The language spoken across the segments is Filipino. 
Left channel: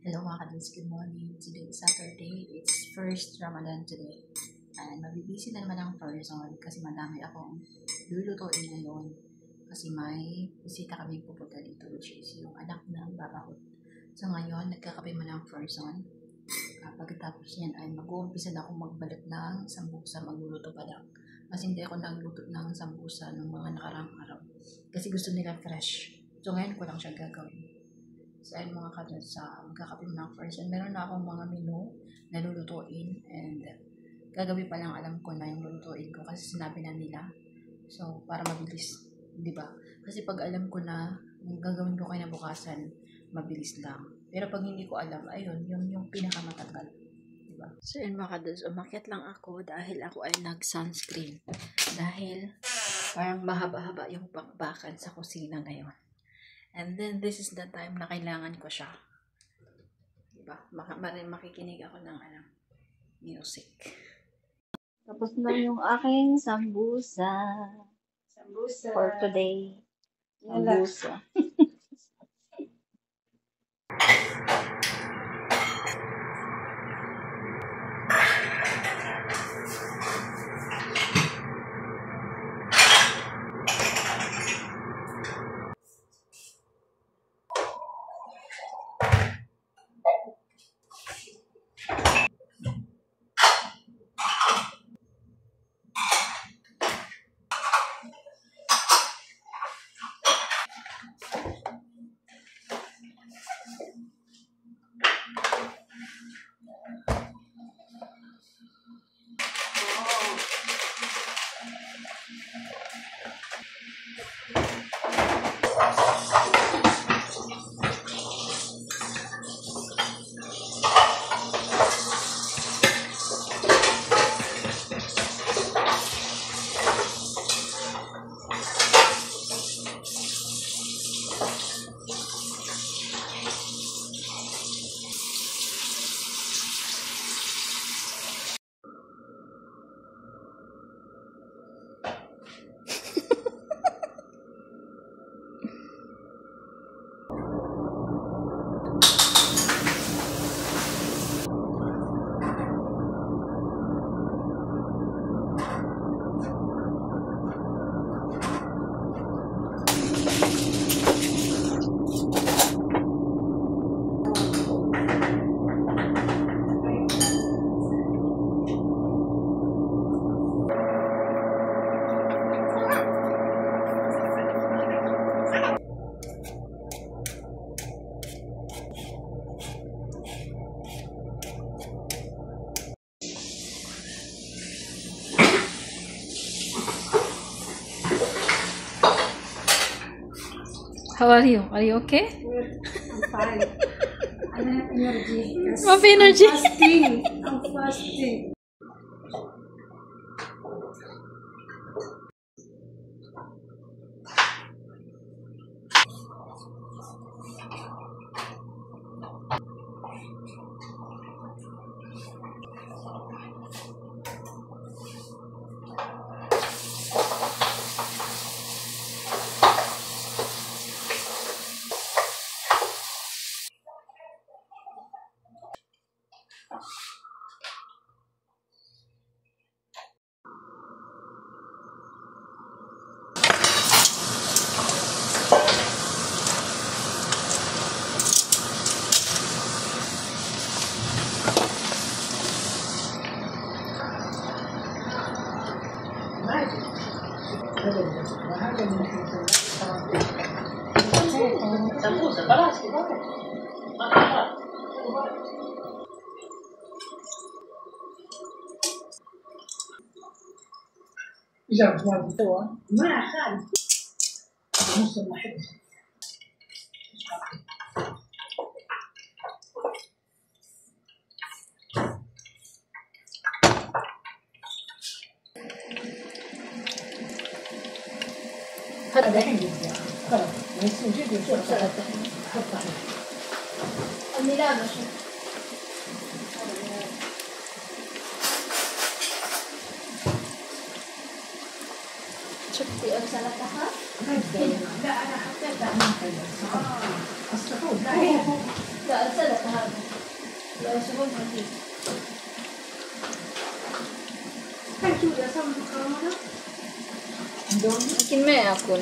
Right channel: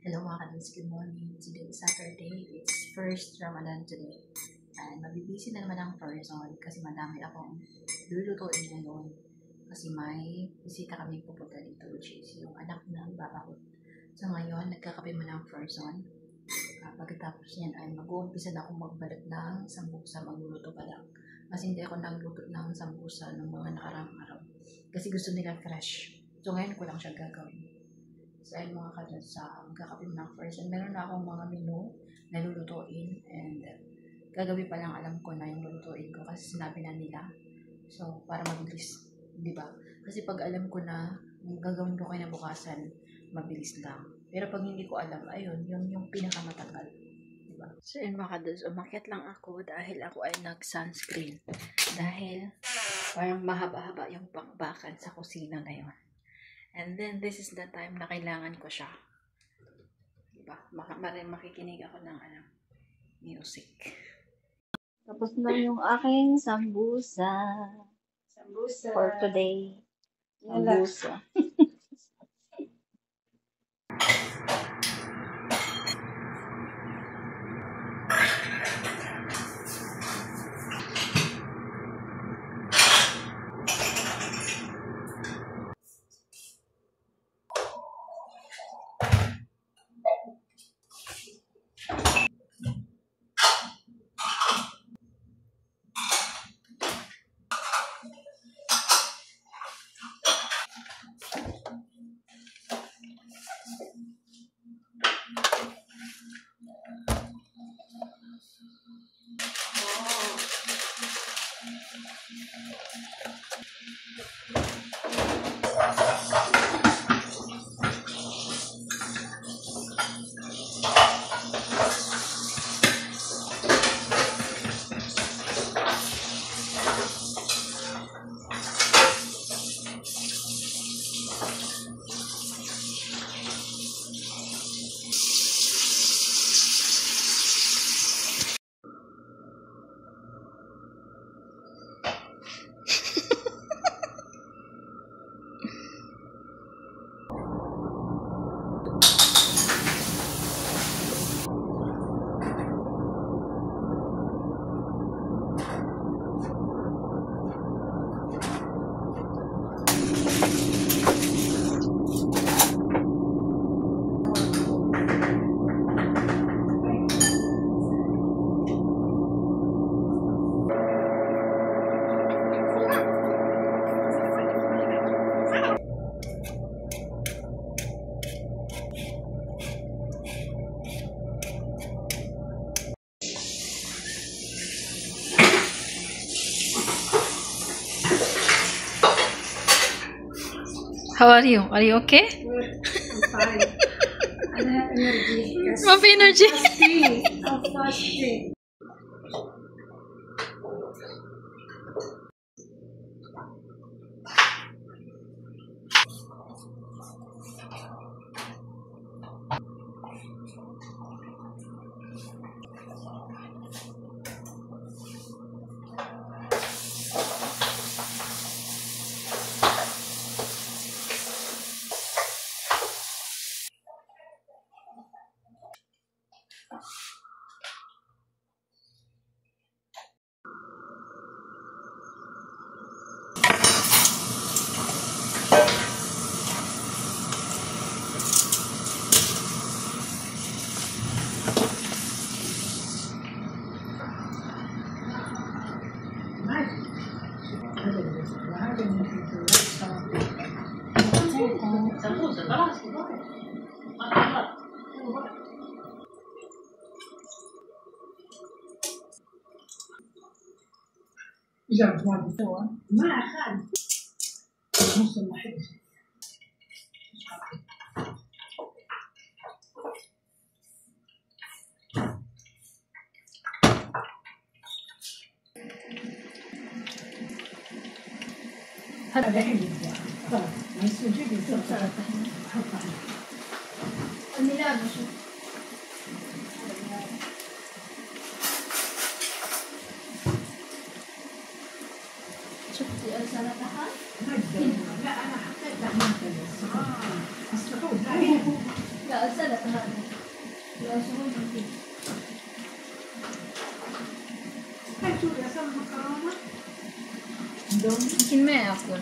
Hello mga kadals, good morning. Today is Saturday. It's first Ramadan today. And mabibisi na naman ang person kasi madami akong lulutuin ngayon. Kasi may bisita kami pupunta dito, which is yung anak ng baba ko. So ngayon, nagkakape mo ng person. Pagkatapos yan ay mag-uumpisa na akong magbalat ng sambusa, magluluto pa lang. Kasi hindi ako nagluto ng sambusa ng mga nakarang araw. Kasi gusto nila fresh. So ngayon ko lang siya gagawin. So, ayun mga kadals, magkakape mo ng first. And meron na akong mga menu na lulutuin. And gagabi pa lang alam ko na yung lulutuin ko kasi sinabi na nila. So, para mabilis. Diba? Kasi pag alam ko na yung gagawin ko kayo na bukasan, mabilis lang. Pero pag hindi ko alam, ayun, yung pinakamatagal. Diba? So, ayun mga kadals, umakyat lang ako dahil ako ay nag-sunscreen. Dahil parang mahaba-haba yung bakbakan sa kusina ngayon. And then, this is the time na kailangan ko siya. Diba? Makikinig ako ng music. Tapos na yung aking sambusa. Sambusa. For today. Sambusa. How are you? Are you okay? I'm fine. I have energy. Have energy. I'm fasting. Sambusa, balas. ما أخذ نص واحد. هذا الحين خلاص نسوي سلطة حطها الملابس. شفتي أرسلتها؟ لا أنا حطيتها ما خلص أصل لا أرسلتها. Mungkin may akon.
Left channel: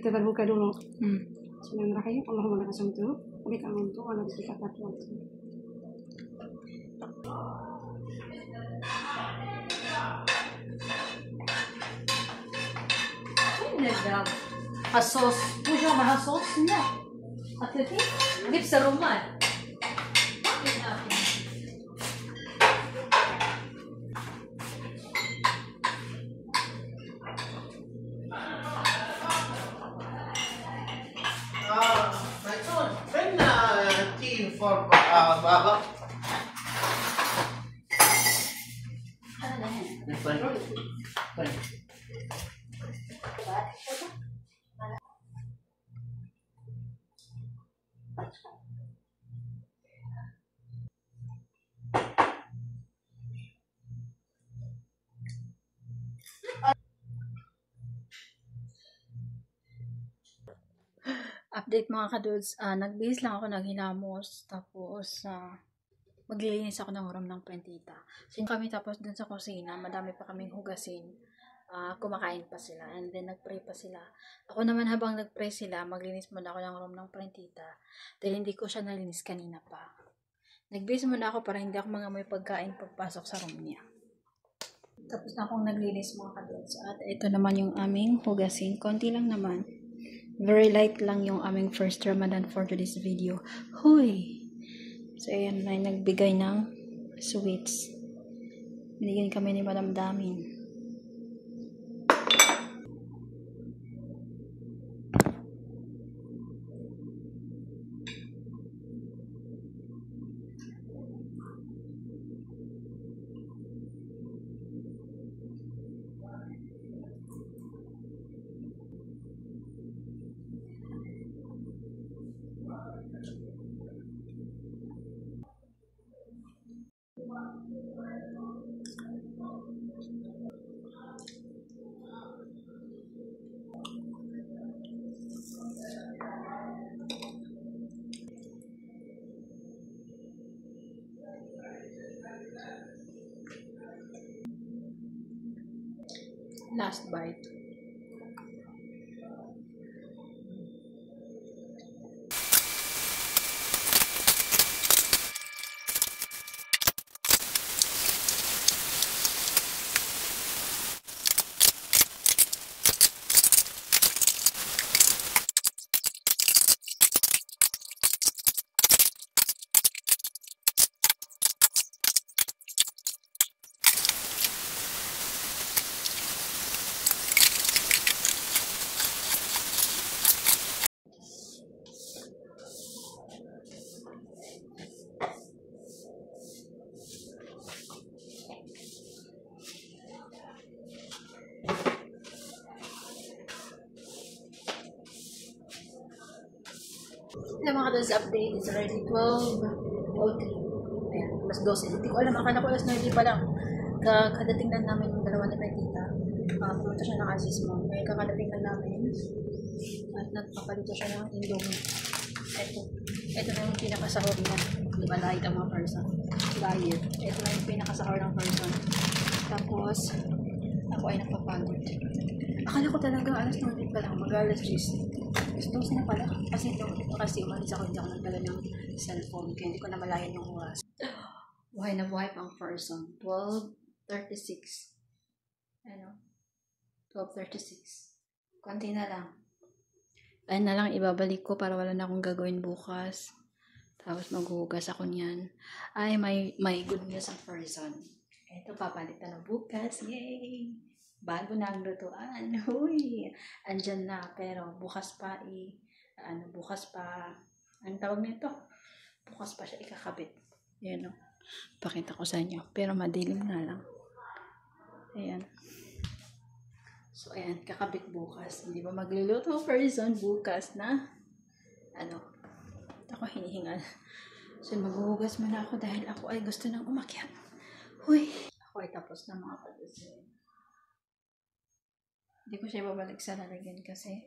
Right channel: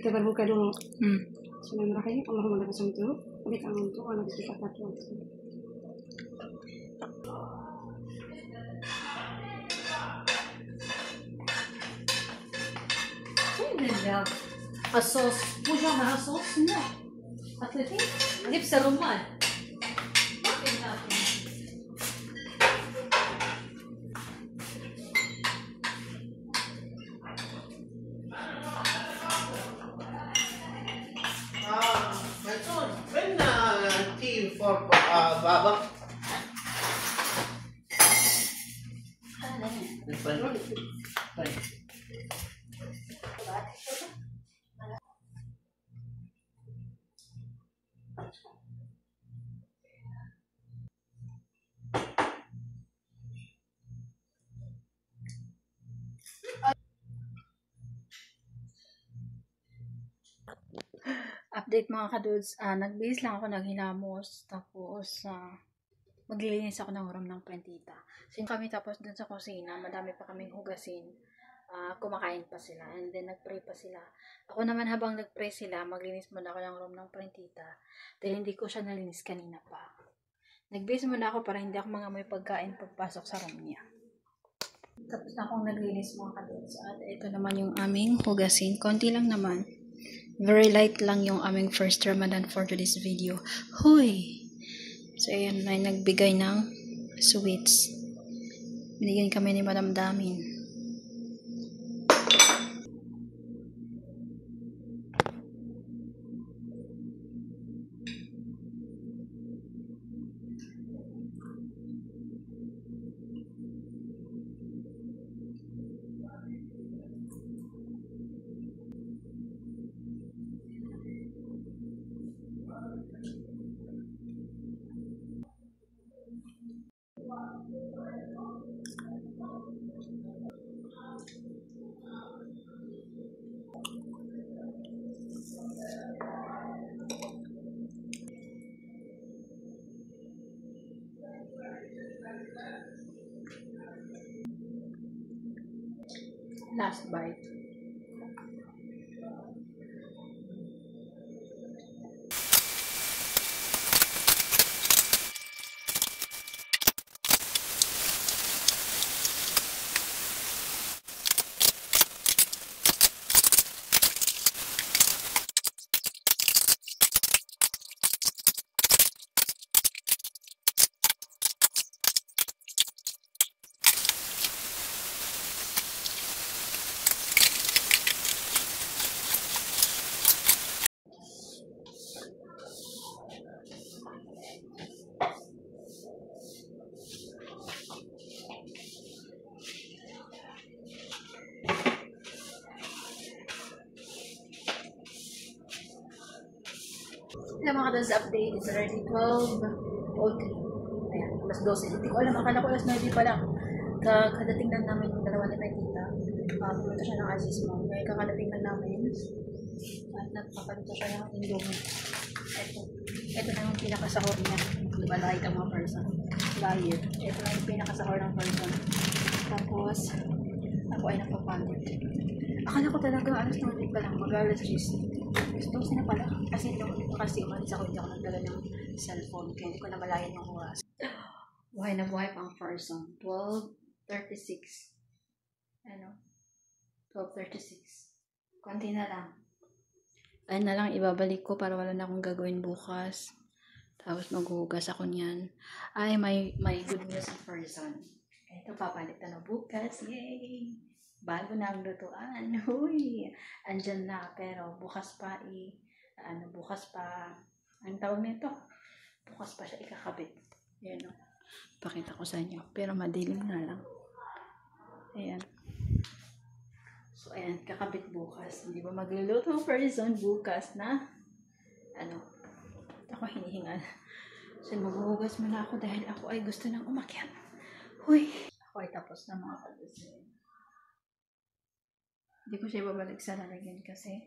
Kita berbuka dulu. Bismillahirrahmanirrahim. Allahumma lakal hamdu wa bika amantu wa ala rabbika fatawakkaltu. الصوص وجبة مع صوص لا أكلتي لبس الرمان فين تي فور بابا؟ Update mga kadudes, nagbihis lang ako naghilamos, tapos maglilinis ako ng room ng plantita. So kami tapos dun sa kusina, madami pa kaming hugasin, kumakain pa sila, and then nagpray pa sila. Ako naman habang nagpray sila, maglinis muna ako ng room ng plantita, dahil hindi ko siya nalinis kanina pa. Nagbihis muna ako para hindi ako mangamoy pagkain pagpasok sa room niya. Tapos na akong naglinis mga kadudes, at ito naman yung aming hugasin, konti lang naman. Very light lang yung aming first Ramadan for today's video. Hoy! So, ayan, may nagbigay ng sweets. Binigyan kami ni Madam Damin. Last bite. Alam mga kadals update, it's already 12:03. Ayan, alas 12. Hindi ko alam, akala ko alas 9 pa lang. Kadating lang namin yung dalawa ni may tita. Pumunta siya ng Aziz Mall. Ngayon kakadating lang namin. At nagpapaluto siya ng Indomie. Ito na yung pinakasahor niya. Di ba diet ang mga person? Diet. Ito na yung pinakasahor ng person. Tapos, ako ay napapagod. Akala ko talaga alas 9 pa lang, mag-alas 10. Gusto na pala. Kasi umalis ako, hindi ako nagdala ng cellphone. Kaya hindi ko namalayan yung oras. Buhay na buhay pang person. 12:36. Ano? 12:36. Konti na lang. Ayun na lang ibabalik ko para wala na akong gagawin bukas. Tapos maghuhugas ako niyan. Ay, may good news ang person. Ito, papalitan na bukas. Yay! Bago na ang lutuan. Huy! Andyan na. Pero bukas pa ang tawag nito? Bukas pa siya ikakabit. Ayan o. Pakita ko sa inyo. Pero madilim na lang. Ayan. So, ayan. Kakabit bukas. Hindi ba magluluto person bukas na? Ako hinihingal. So, maghuhugas muna ako dahil ako ay gusto nang umakyat. Huy! Ako ay tapos na mga kadusin. Hindi ko siya babalik sa lalagyan kasi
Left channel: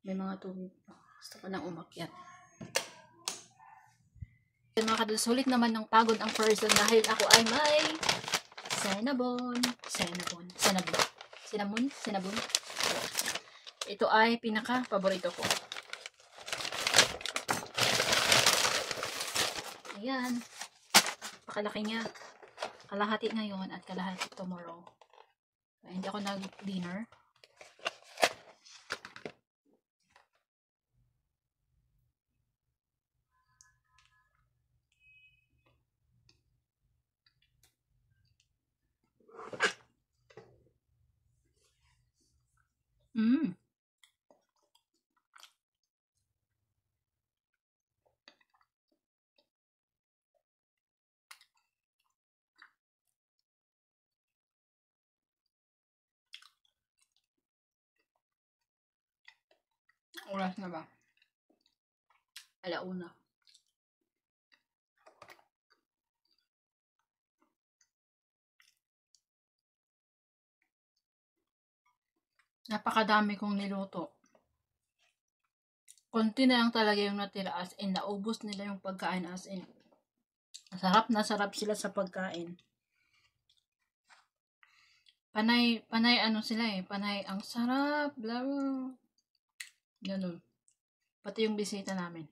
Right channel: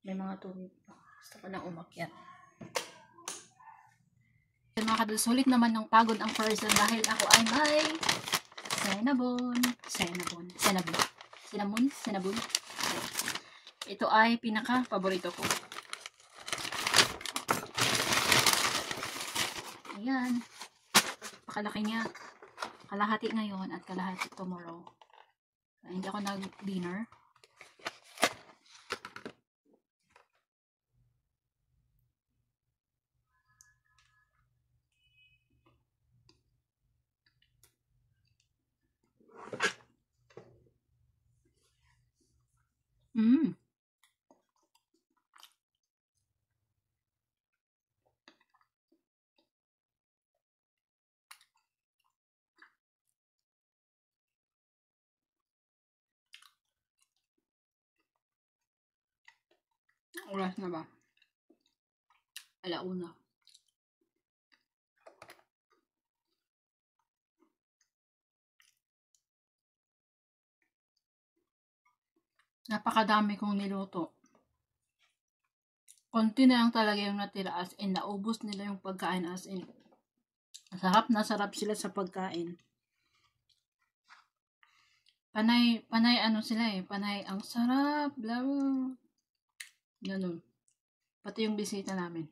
may mga tubig pa. Gusto ko nang umakyat. Mga kadul, sulit naman ng pagod ang person dahil ako ay may cinnamon. Ito ay pinaka-paborito ko. Ayan. Pakalaki niya. Kalahati ngayon at kalahati tomorrow. Hindi ako nag-dinner. Oras na ba? 1:00. Napakadami kong niluto. Konti na lang talaga yung natira, as in naubos nila yung pagkain, as in sarap na sarap sila sa pagkain. Panay sila panay ang sarap, blah blah. Ganun. Pati yung bisita namin.